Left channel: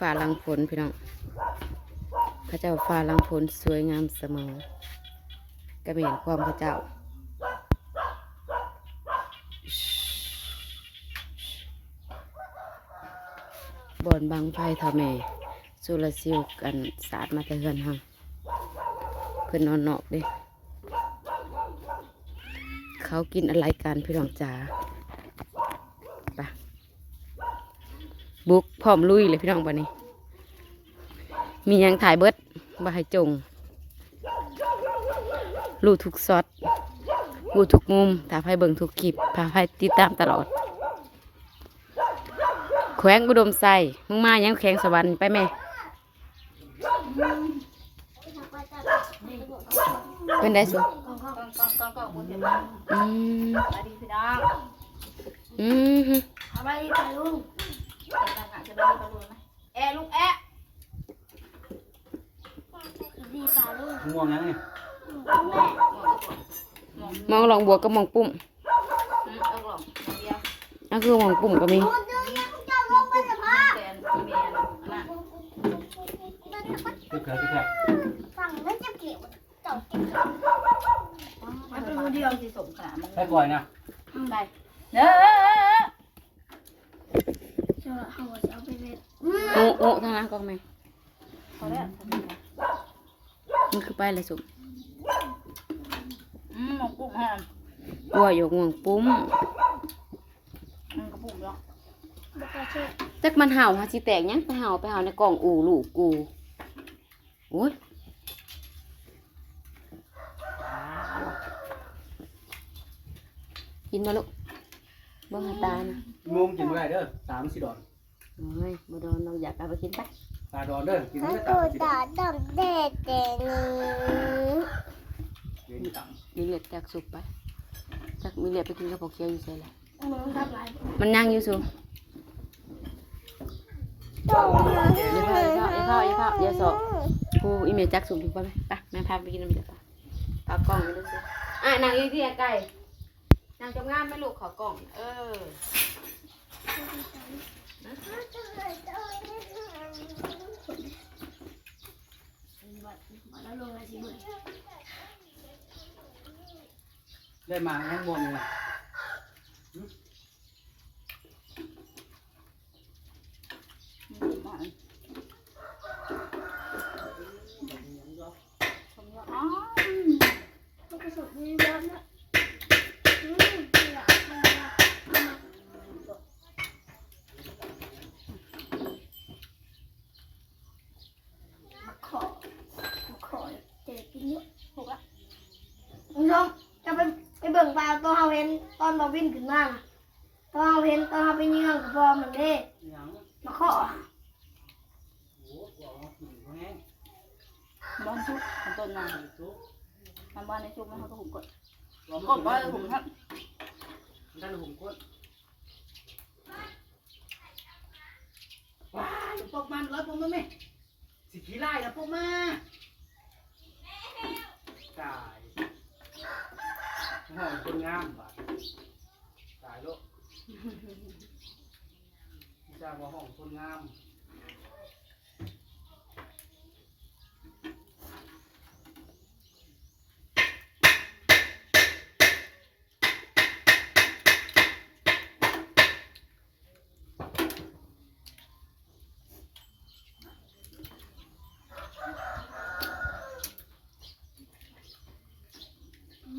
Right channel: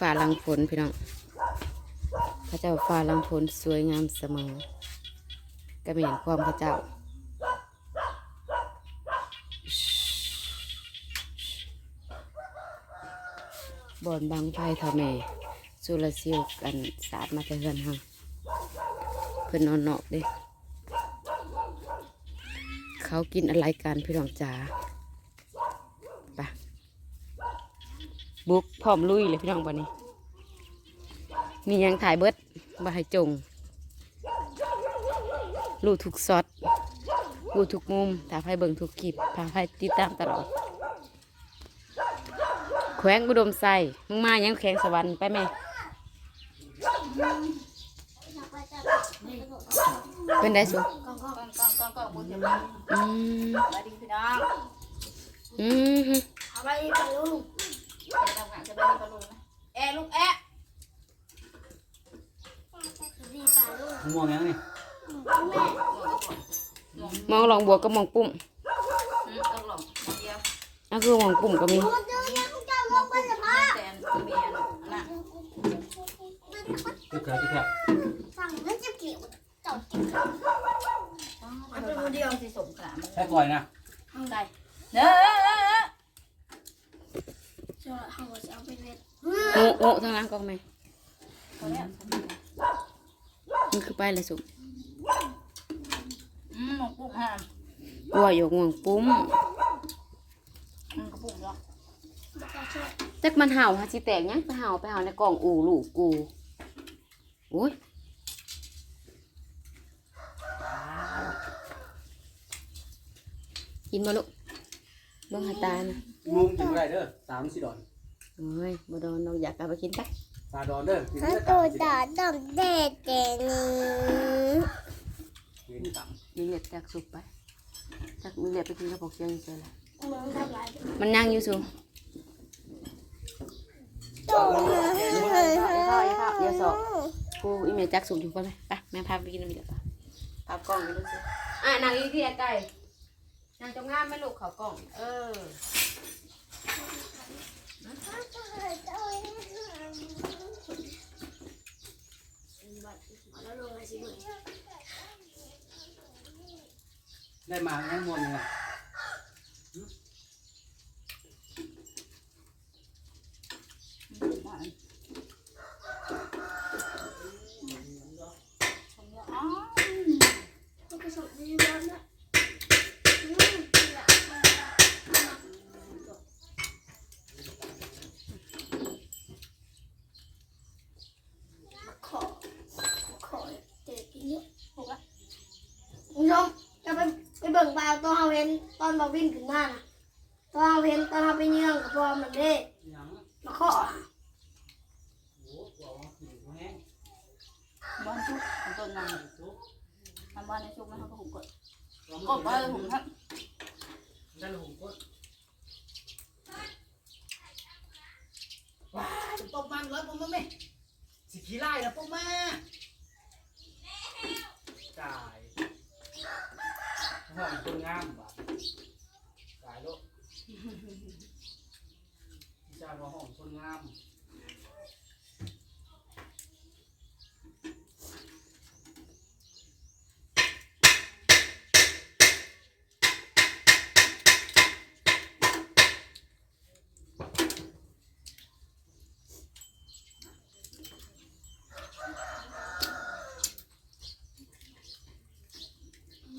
ฝ่าลังฝนพี่น้องพระเจ้าฝ่าลังฝนสวยงามเสมอก็ไม่เห็นความพระเจ้าบอนบางไฟทาแม่สุรซิลกันสาดมาแต่เฮือนหังเพื่อนนอนนอกเด้เขากินอะไรกันพี่น้องจ๋าไป บุกพร้อมลุยเลยพี่น้องวันนี้ มียังถ่ายเบิดมาให้จงรู้ทุกซอดรู้ทุกมุมถ้าใครเบิ่งทุกคลิปถ้าใครติดตามตลอด แขวงอุดมไซมึงมายังแขวงสวรรค์ไปไหมเป็นได้สุกองกองกองกองกองบุญเดี๋ยวมอืม สวัสดีพี่น้องอืมฮึสบายดีป่ะลุงเดี๋ยวทำงานสบายดีป่ะลุงไหมแอะลูกแอะดีป่าลูกม่วงยังนี่มองลองบวกก็มองปุ่มอืมเอากล่องเอาเดียวอะคือมองปุ่มก็มีพูดเรื่องยังเจ้าลงไปจะพาแกนเมียนอันนั้นคือเกิดที่แท้สั่งแล้วจะเกี่ยวเจ้าติดมันเป็นมือเดียวสิสมขนาดมันแค่ก่อยนะได้เน้อเจ้า เขาจะเอาไปเวทโอ้โอ้ทางนั้นก็ไม่พอแล้วมันคือไปเลยสุอืมหมกกุ้งฮะวัวอยู่งวงปุ้มมันกระปุกแล้วบุกเชื่อจักมันเห่าฮะสิแตกยังไปเห่าไปเห่าในกล่องอูลูกกูโอ้ยกินมาลูกเบิ่งให้ตานี่งงกินไม่ได้เด้อสามสี่ดอน โอ้ยบ่โดนเราอยากเอาไปกินจักตาดอนเด้อกินถ้าไม่ได้ตัวตาตาดำเด็ดเดนี้เวียนตังมีเลือดแตกสุกไปจักมีเลือดไปกินกระปอกเชียวอยู่เฉยละมึงทำไรมันนั่งอยู่สูตัวอีพ่ออีพ่ออีพ่ออีพ่อเดี๋ยวสอบกูอีเมลจักสุกอยู่ป่ะไหมไปแม่พาไปกินน้ำเดือดป่ะพากล้องไปดูสิอะนางอีที่ไก่นางจงงามไหม่ลูกเขากล้อง เออแล้วลงอะ ได้มาทั้งม่วงเลย มันชมแล้วอ๋อ มันกระสุนมีบ้านนะอืมนี่แหละมามาขอมาขอเจ็ดกินเยอะ ถูกละ คุณผู้ชมจะไปไปเบิ่งปลาตัวเฮาเห็นตอนเราวิ่งขึ้นมาน่ะตัวเฮาเห็นตอนเฮาไปเยื่องกับพอมันเด้ยังมาขอโอ้โหกินแห้งบอลชุบของต้นนั่งซุปทำบ้านในชุบนะครับผมกดกกดไว้เลยผมครับด้านหุ่นก้นว้าวตบมันเลยปุ๊บมาไหมสิขี้ไล่นะปุ๊บมาตายห้อง คนงามบ่ตายลูกจ้างว่าห้องคนงาม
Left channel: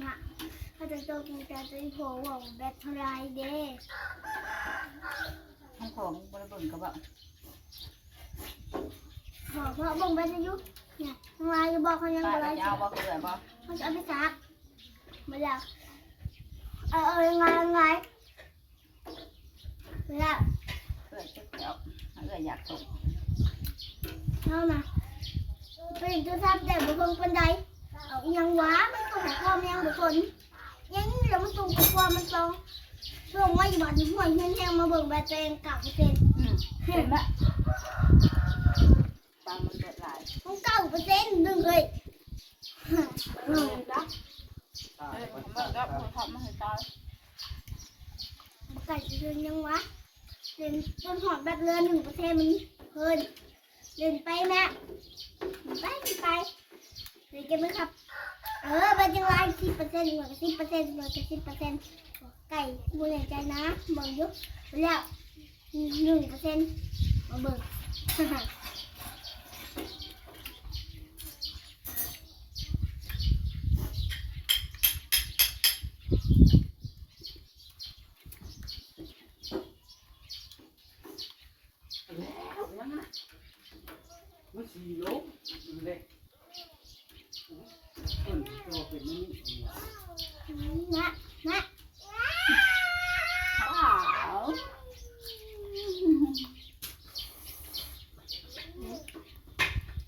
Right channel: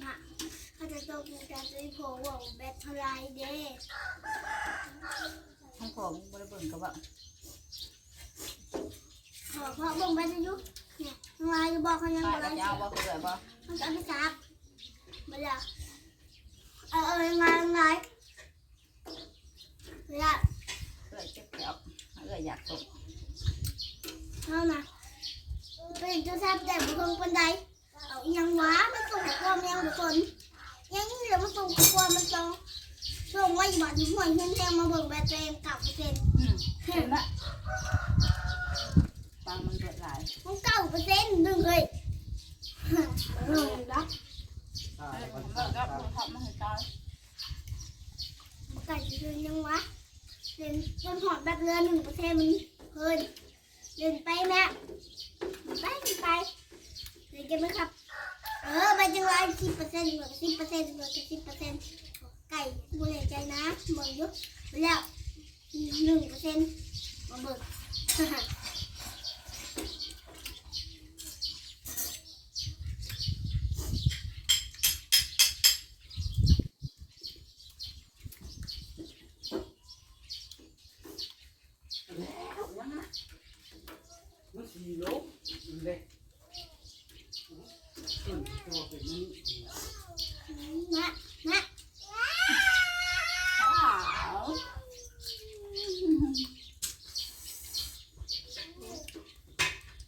มาเขา จะตีโผล่ว่าแบตเท่าไรเด้ทั้งของบริเบิร์กับว่าขอพราะบ่งแบตอายุเนี่ยทำไมจะบอกเขายังบ่ไรแล้จะเอาบ่เกิดบ่เขาจะเอาไปซักมาแล้วเออเออยังไงยังไงเวลาเกิดเจ็บแขวเกิดอยากตกเอานะเป็นตัวทำแต่บุคคลคนใดเอาอีหยังวะมันตรงกับความยังบุคคล ยังนี่เดี๋ยวมันตรงกับความมันตรงช่วงว่าอยู่บ้านอยู่ห่วยเฮียนแทงมาเบิ่งแบตตัวเองเก่าเปอร์เซ็นต์อืมเห็นไหมตังมันเกิดหลายมันเก้าเปอร์เซ็นต์หนึ่งเลยเออนะตาเอ้ยยคผมนว่าก็ผมทำมาให้ตายไก่เดือนยังวะเดือนต้นหอดแบบเรือหนึ่งเปอร์เซ็นต์มันเพิ่นเดินไปแม่ไปไปเดินกันไหมครับ เออไปจังไรสิบเปอร์เซ็นต์เหมือนสิบเปอร์เซ็นต์เหมือนสิบเปอร์เซ็นต์ไก่บูแน่ใจนะเบิ่งยุบไปแล้วหนึ่งเปอร์เซ็นต์มาเบิก มันสีโลเล็กต้ นตัวเป็นนี่นะนะ ว้าว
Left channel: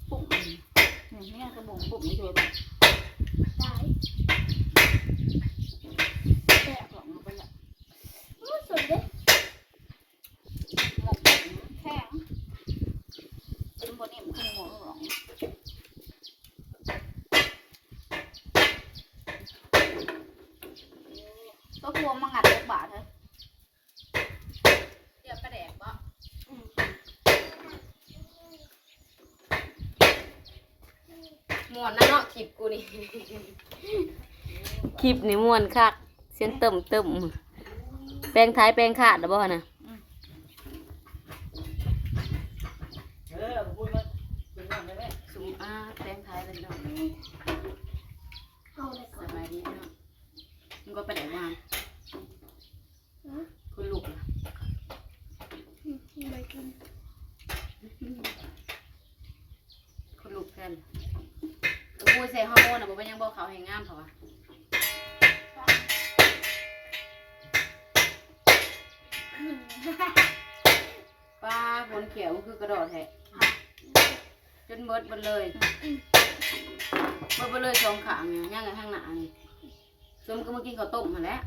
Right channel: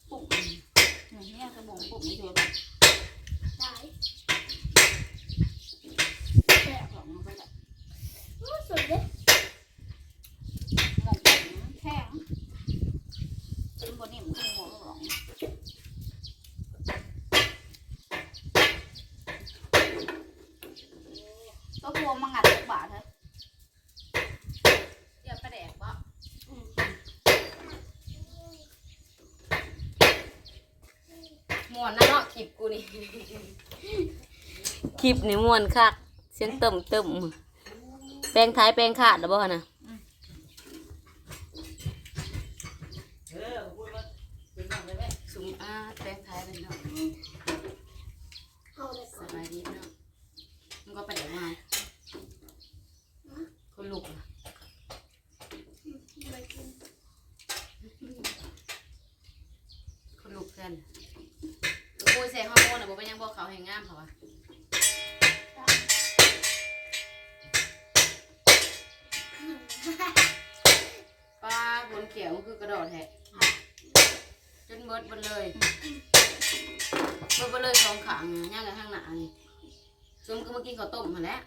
ปุ๊บเนี่ยเนี่ยกระบอกปุ๊บนี่ช่วยแบบ ตาย แกะกล่องลงไปละ โอ้สุดเลย หมกปุ๊บแข็งเป็นบนนี่มันขึ้นหัวหลงก็พวงมางัดลูกบาทเถอะ เดี๋ยวประแดกบ่ ม่วนนะเนาะคลิปกูนี่คลิปนี่ม่วนคักเส้นเติมเติมแปลงท้ายแปลงขาดแล้วบ่นะเออพูดมาเป็นยังไงแม่สุมอาแปลงท้ายเลยเนาะ เอาไป สบายดีเนาะมึงก็ประแดกมาคุณลูกนะ ไปกิน คุณลูกแทนกูใส่ฮอร์โมนอะบ่ เป็นหยังบ่เขาวให้งามเขาวะป้าคนเขียวมันคือกระโดดแฮะจนเบิดหมดเลยเบิดหมดเลยสองขางเนี่ยย่างกันข้างหน้านี่ซุมก็มากินข้าวต้มมาแหล้ว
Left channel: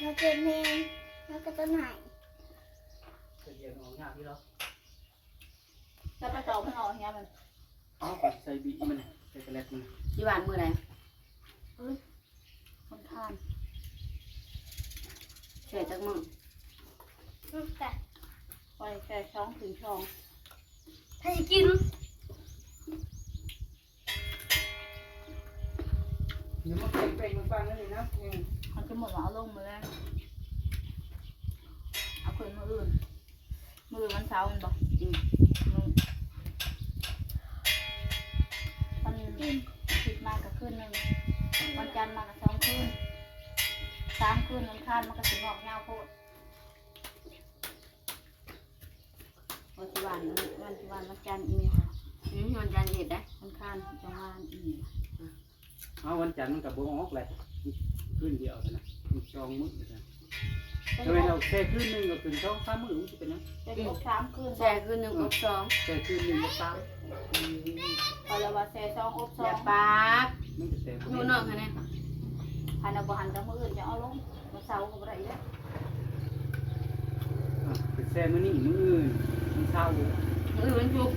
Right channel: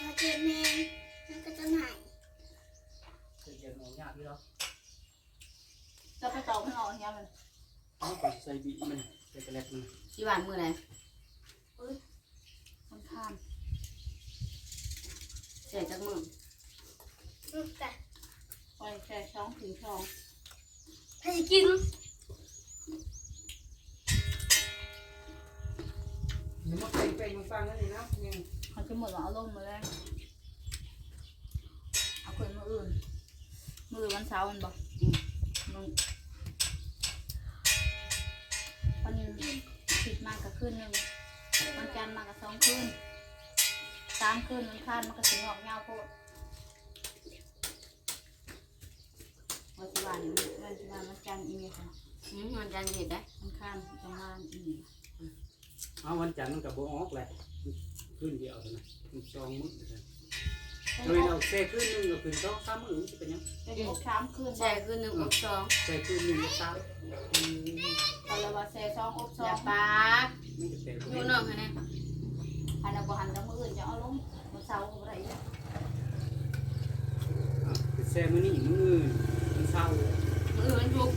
ถ้าเจ็บแมงแล้วก็จะหายจะเย็นออกยากพี่เราแล้วไปต่อไม่ออกเนี่ยมัน เอาไปใส่บีมันใส่กระเล็กมันที่บ้านมือไหนคนข้ามใส่จักมืออืมแต่ไปแค่ช่องถึงช่องให้กินเดี๋ยวมันเป็นเป็นมันฟังนั่นเลยนะยังเขาจะหมดแล้วเอาลงมาแล้วเอาคืนมืออื่นมือวันเสาร์มันบอก คืนหนึ่งวันจันทร์มากับสองคืนสามคืนวันคานมันก็ถึงออกเงาโพดวันที่วันวันที่วันวันจันทร์อีเมลค่ะอืมมันจันทร์เห็ดได้วันคานจังหวานอีเมลเอาวันจันทร์มันกับโบออกเลยขึ้นเดียวนะมันจองมื้อนะจะเป็นเราแช่ขึ้นหนึ่งกับขึ้นสองสามมื้อมันจะเป็นยังเป็นหกสามคืนแช่คืนหนึ่งอบสองแช่ขึ้นหนึ่งกับสาม พอเราว่าแซ่สองอบสออย่างปากมันจะแช่อยู่นอกค่ะเนี่ยหันเอาบ่หันกับมืออื่นจะเอาลงวันเสาร์ก็บ่ได้แล้วเป็นแช่มื้อนี้มื้ออื่นมันเศร้ามือมันจุก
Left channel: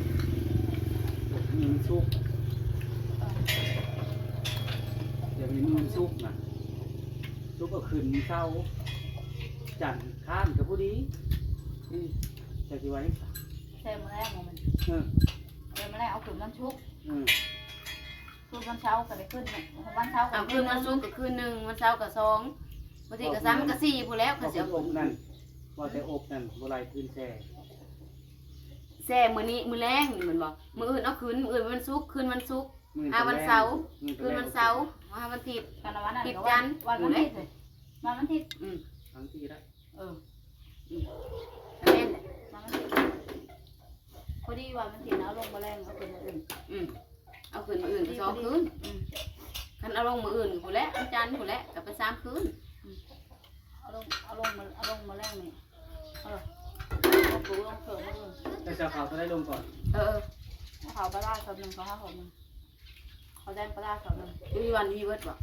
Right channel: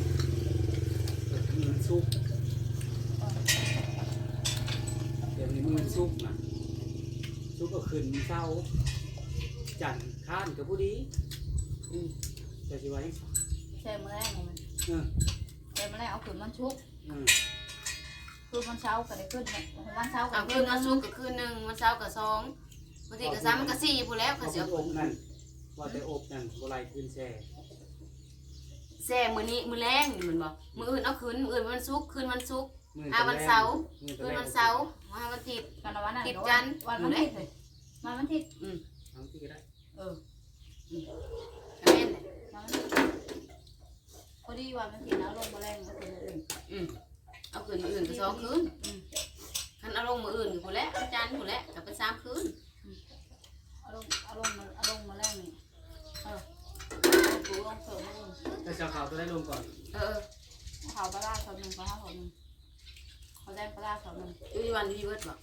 มือมันสุกเดี๋ยวนี้มือมันสุกนะสุกก็ขึ้นเศร้าจันทร์ข้านกับผู้ดีอืมจะสิไว้ยังไงแซ่มื้อแรกของมันเออแซ่มื้อแรกเอาขึ้นวันชุกร์เออ คืนวันเสาร์ก็ได้ขึ้นเนี่ยวันเสาร์ก็เอาคืนวันศุกร์กับคืนหนึ่งวันเสาร์กับสองบางทีกับสามมันกับสี่พู้นแล้วก็เอาเสียอบนั่นว่าแต่อบนั่นบ่ไรขึ้นแช่แซ่มือนี้มือแรงนี่มันบอกมืออื่นเอาคืนมืออื่นวันศุกร์คืนวันศุกร์มื้อ่าวันเสาร์มื้อคืนวันเสาร์วันวันอาทิตย์กันวันนั้นติดจันทร์วันวันอาทิตย์เลยวันวันอาทิตย์อืม ทั้งที่ได้ เออ ก็แม่นแหละ วันวันอาทิตย์พอดีวันวันอาทิตย์นะเอาลงมาแรงเอาขึ้นมื้ออื่น อืมเอาคืนมืออื่นกับ สองคืนอืมคันเอาลงมืออื่นกับผู้นแหล้ววันจันทร์ผู้นแหล้วกับเป็นสามคืนเอาลงเอาลงมาเอาลงมาแรงนี่เออเอาปูลงเสริมมื้ออื่นแต่เจ้าขาวตัวได้ลงก่อนเออเอาเขาปลาร้าเขาหนึ่งเขาห้าเขาหนึ่งเขาแดงปลาร้าเขาหนึ่งเอออยู่วันพี่เบิร์ดบอก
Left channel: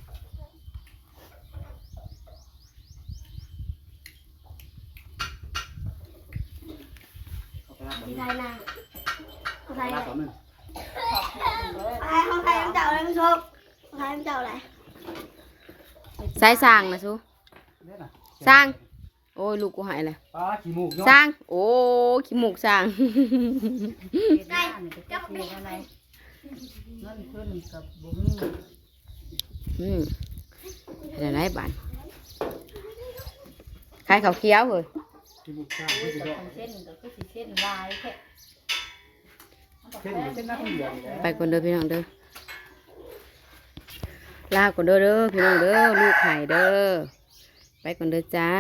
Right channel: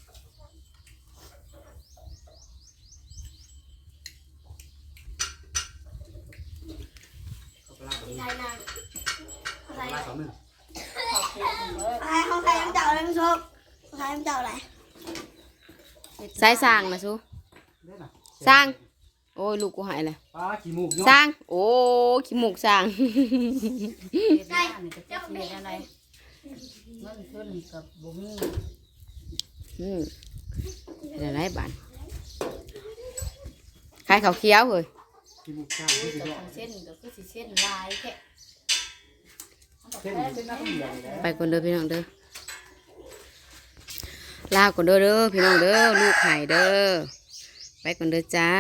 เขาไปลาสองไม่หนึ่งใช่นะไม่ใช่ลานะสองหนึ่งขอบคุณเลย น้ำเจ้าอะไรน้ำชมของใครน้ำเจ้าอะไรสายสร้างนะซูเด้อน่ะสร้างโโอ้ยลูกกูหายเลยป้าขี้มูกสเนาะร้าง โอ้ขี้มูกสร้างเฮ็ดบ้านนี่จะจักเฮ็ดอะไรเงินขึ้นกับบ่มีอืมอะไรบ้านขายข้าวเคี้ยวเว้ยขี้มูกจ้าโอ้ที่ยสิแต่บอกคนเส้นก็คือสิเส้นลายแค่เส้นเส้นน้ำเหลืองไปก่อนเด้อพี่น้องเด้อ ลาก่อนเด้อเด้อพี่น้องเด้อลูกหายเด้อไปก่อนเด้อจ้า